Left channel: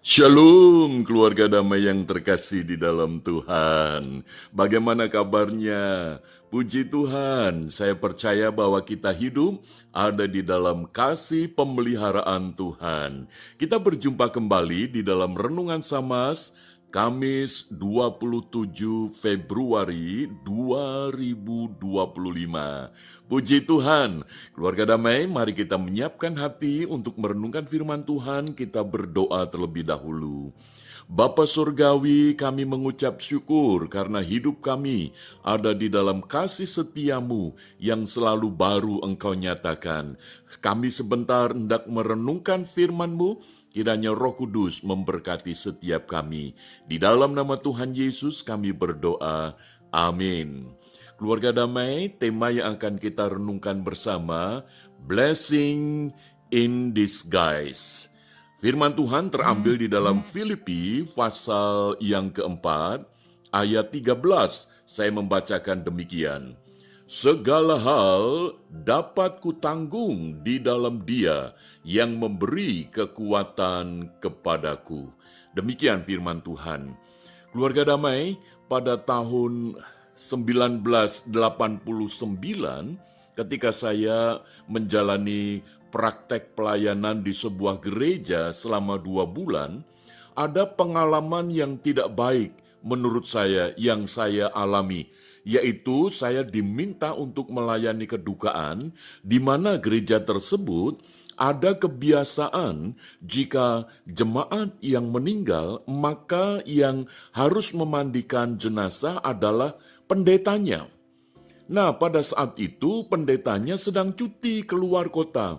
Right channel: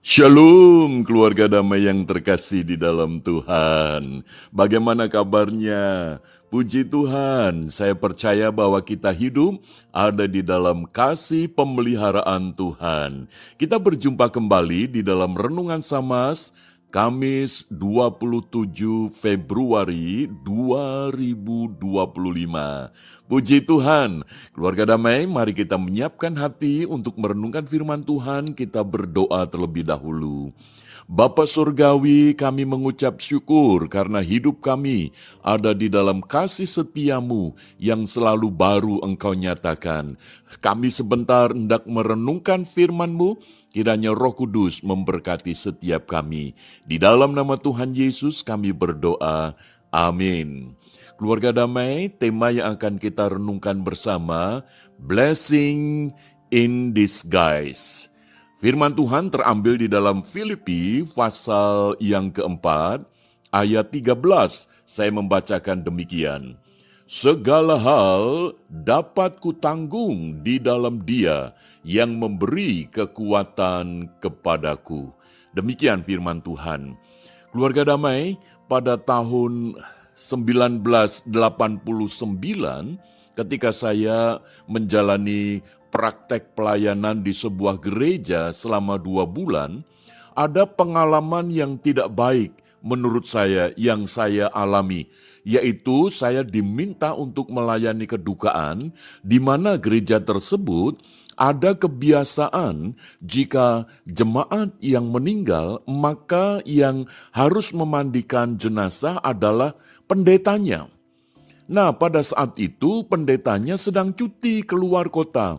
Shalom keluarga damai yang terkasih di dalam Tuhan. Bagaimana kabarnya? Puji Tuhan, saya percaya bahwa kita hidup ada di dalam kasih pemeliharaan Tuhan. Kita berjumpa kembali di dalam Renungan Samas, Kamis 27 Februari 2025. Puji Tuhan, keluarga damai, mari kita menyiapkan hati untuk merenungkan firman Tuhan. Kita berdoa terlebih dahulu. Bapa Surgawi, kami mengucap syukur karena hidup kami ada di dalam kasih setiamu yang selalu baru Engkau nyatakan. Kami sebentar hendak merenungkan firman-Mu, kiranya Roh Kudus memberkati setiap kami. Di dalam nama Tuhan Yesus kami berdoa. Amin. Keluarga damai, tema yang akan kita renungkan bersama, Blessing in Disguise. Firman Tuhan terambil di dalam Filipi pasal yang keempat, ayat 13. Saya membacakan demikian. Segala hal dapat kutanggung di dalam Dia yang memberi kekuatan kepadaku. Demikian firman Tuhan. Keluarga damai, pada tahun 1989 ketika saya menjalani praktek pelayanan di sebuah gereja selama 2 bulan, ada pengalaman yang tidak baik menurut saya yang saya alami, yaitu saya diminta untuk melayani kedukaan di mana gereja tersebut ada kebiasaan jika jemaat yang meninggal, maka yang harus memandikan jenazah adalah pendetanya. Nah, pada saat itu pendetanya sedang cuti keluar kota.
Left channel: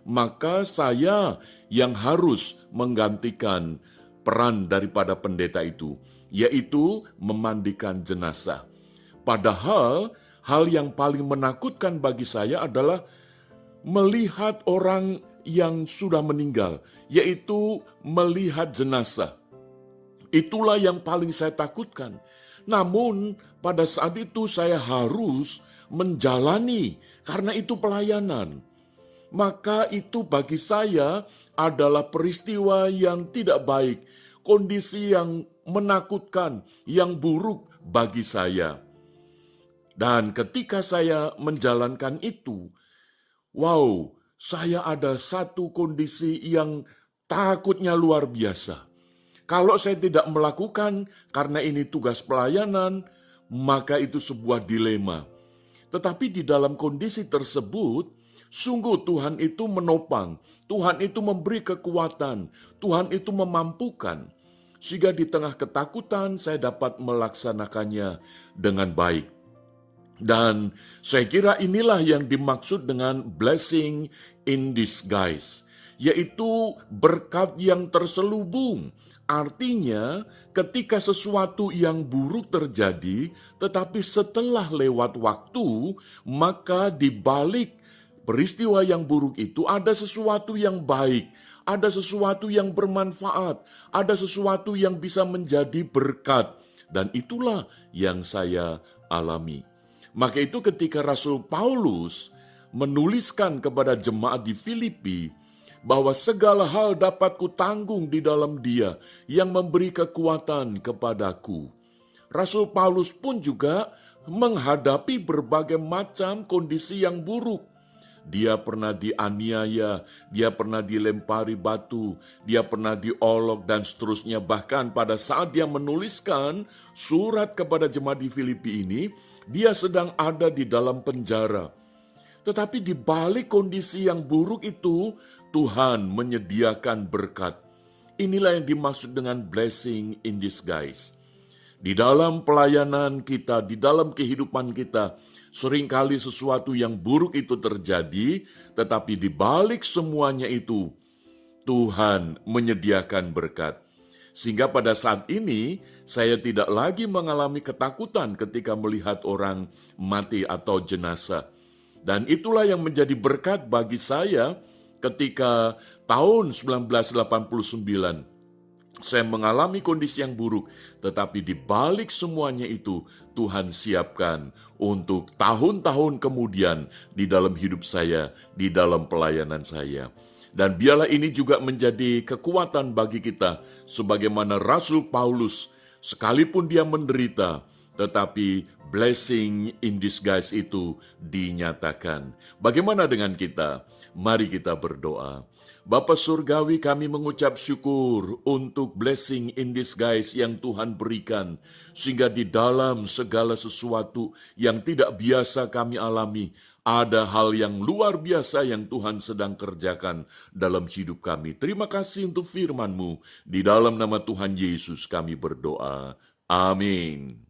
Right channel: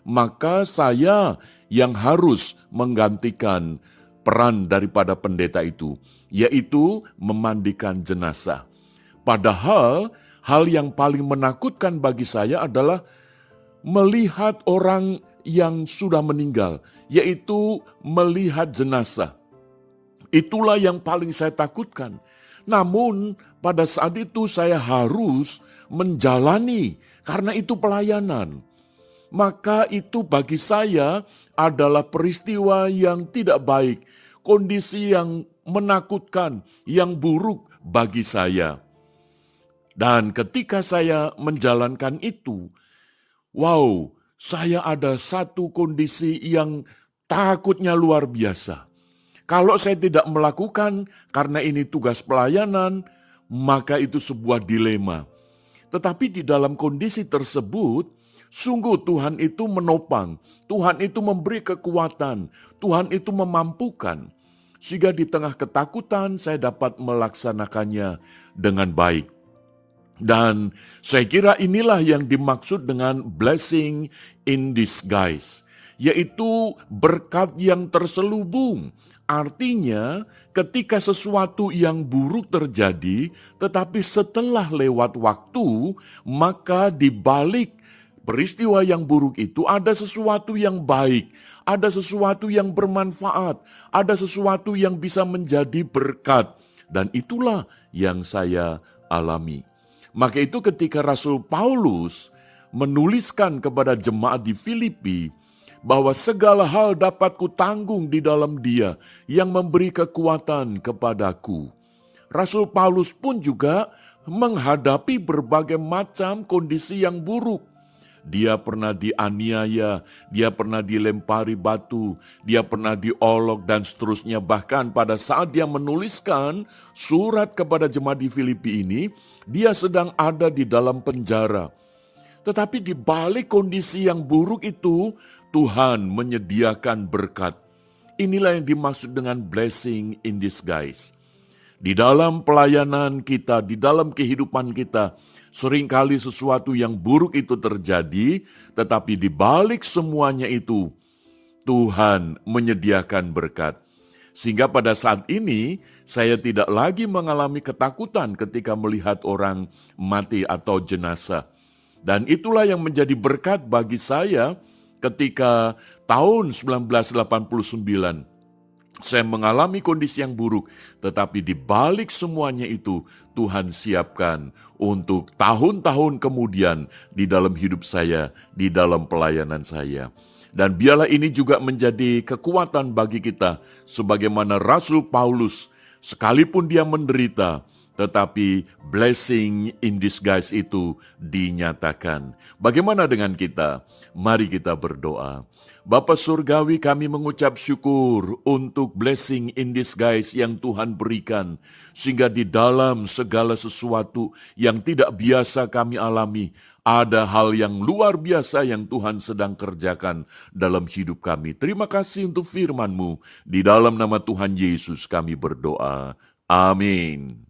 Maka saya yang harus menggantikan peran daripada pendeta itu, yaitu memandikan jenazah. Padahal hal yang paling menakutkan bagi saya adalah melihat orang yang sudah meninggal, yaitu melihat jenazah. Itulah yang paling saya takutkan. Namun pada saat itu saya harus menjalani karena itu pelayanan. Maka itu bagi saya adalah peristiwa yang tidak baik, kondisi yang menakutkan, yang buruk bagi saya. Dan ketika saya menjalankan itu, wow, saya ada satu kondisi yang takutnya luar biasa. Kalau saya tidak melakukan karena ini tugas pelayanan, maka itu sebuah dilema. Tetapi di dalam kondisi tersebut, sungguh Tuhan itu menopang, Tuhan itu memberi kekuatan, Tuhan itu memampukan. Sehingga di tengah ketakutan saya dapat melaksanakannya dengan baik. Dan saya kira inilah yang dimaksud dengan blessing in disguise, yaitu berkat yang terselubung. Artinya ketika sesuatu yang buruk terjadi, tetapi setelah lewat waktu, maka di balik peristiwa yang buruk itu ada sesuatu yang baik, ada sesuatu yang bermanfaat, ada sesuatu yang bisa menjadi berkat. Dan itulah yang saya alami. Maka itu ketika Rasul Paulus menuliskan kepada jemaat di Filipi bahwa segala hal dapat kutanggung di dalam Dia yang memberi kekuatan kepadaku. Rasul Paulus pun juga menghadapi berbagai macam kondisi yang buruk. Dia pernah dianiaya, dia pernah dilempari batu, dia pernah diolok dan seterusnya. Bahkan pada saat dia menuliskan surat kepada jemaat di Filipi ini, dia sedang ada di dalam penjara. Tetapi di balik kondisi yang buruk itu, Tuhan menyediakan berkat. Inilah yang dimaksud dengan blessing in disguise. Di dalam pelayanan kita, di dalam kehidupan kita, seringkali sesuatu yang buruk itu terjadi, tetapi di balik semuanya itu, Tuhan menyediakan berkat. Sehingga pada saat ini, saya tidak lagi mengalami ketakutan ketika melihat orang mati atau jenazah. Dan itulah yang menjadi berkat bagi saya ketika tahun 1989. Saya mengalami kondisi yang buruk, tetapi di balik semuanya itu, Tuhan siapkan untuk tahun-tahun kemudian di dalam hidup saya, di dalam pelayanan saya. Dan biarlah ini juga menjadi kekuatan bagi kita, sebagaimana Rasul Paulus, sekalipun dia menderita, tetapi blessing in disguise itu dinyatakan. Bagaimana dengan kita? Mari kita berdoa. Bapa Surgawi, kami mengucap syukur untuk blessing in disguise yang Tuhan berikan, sehingga di dalam segala sesuatu yang tidak biasa kami alami, ada hal yang luar biasa yang Tuhan sedang kerjakan dalam hidup kami. Terima kasih untuk firman-Mu. Di dalam nama Tuhan Yesus kami berdoa. Amin.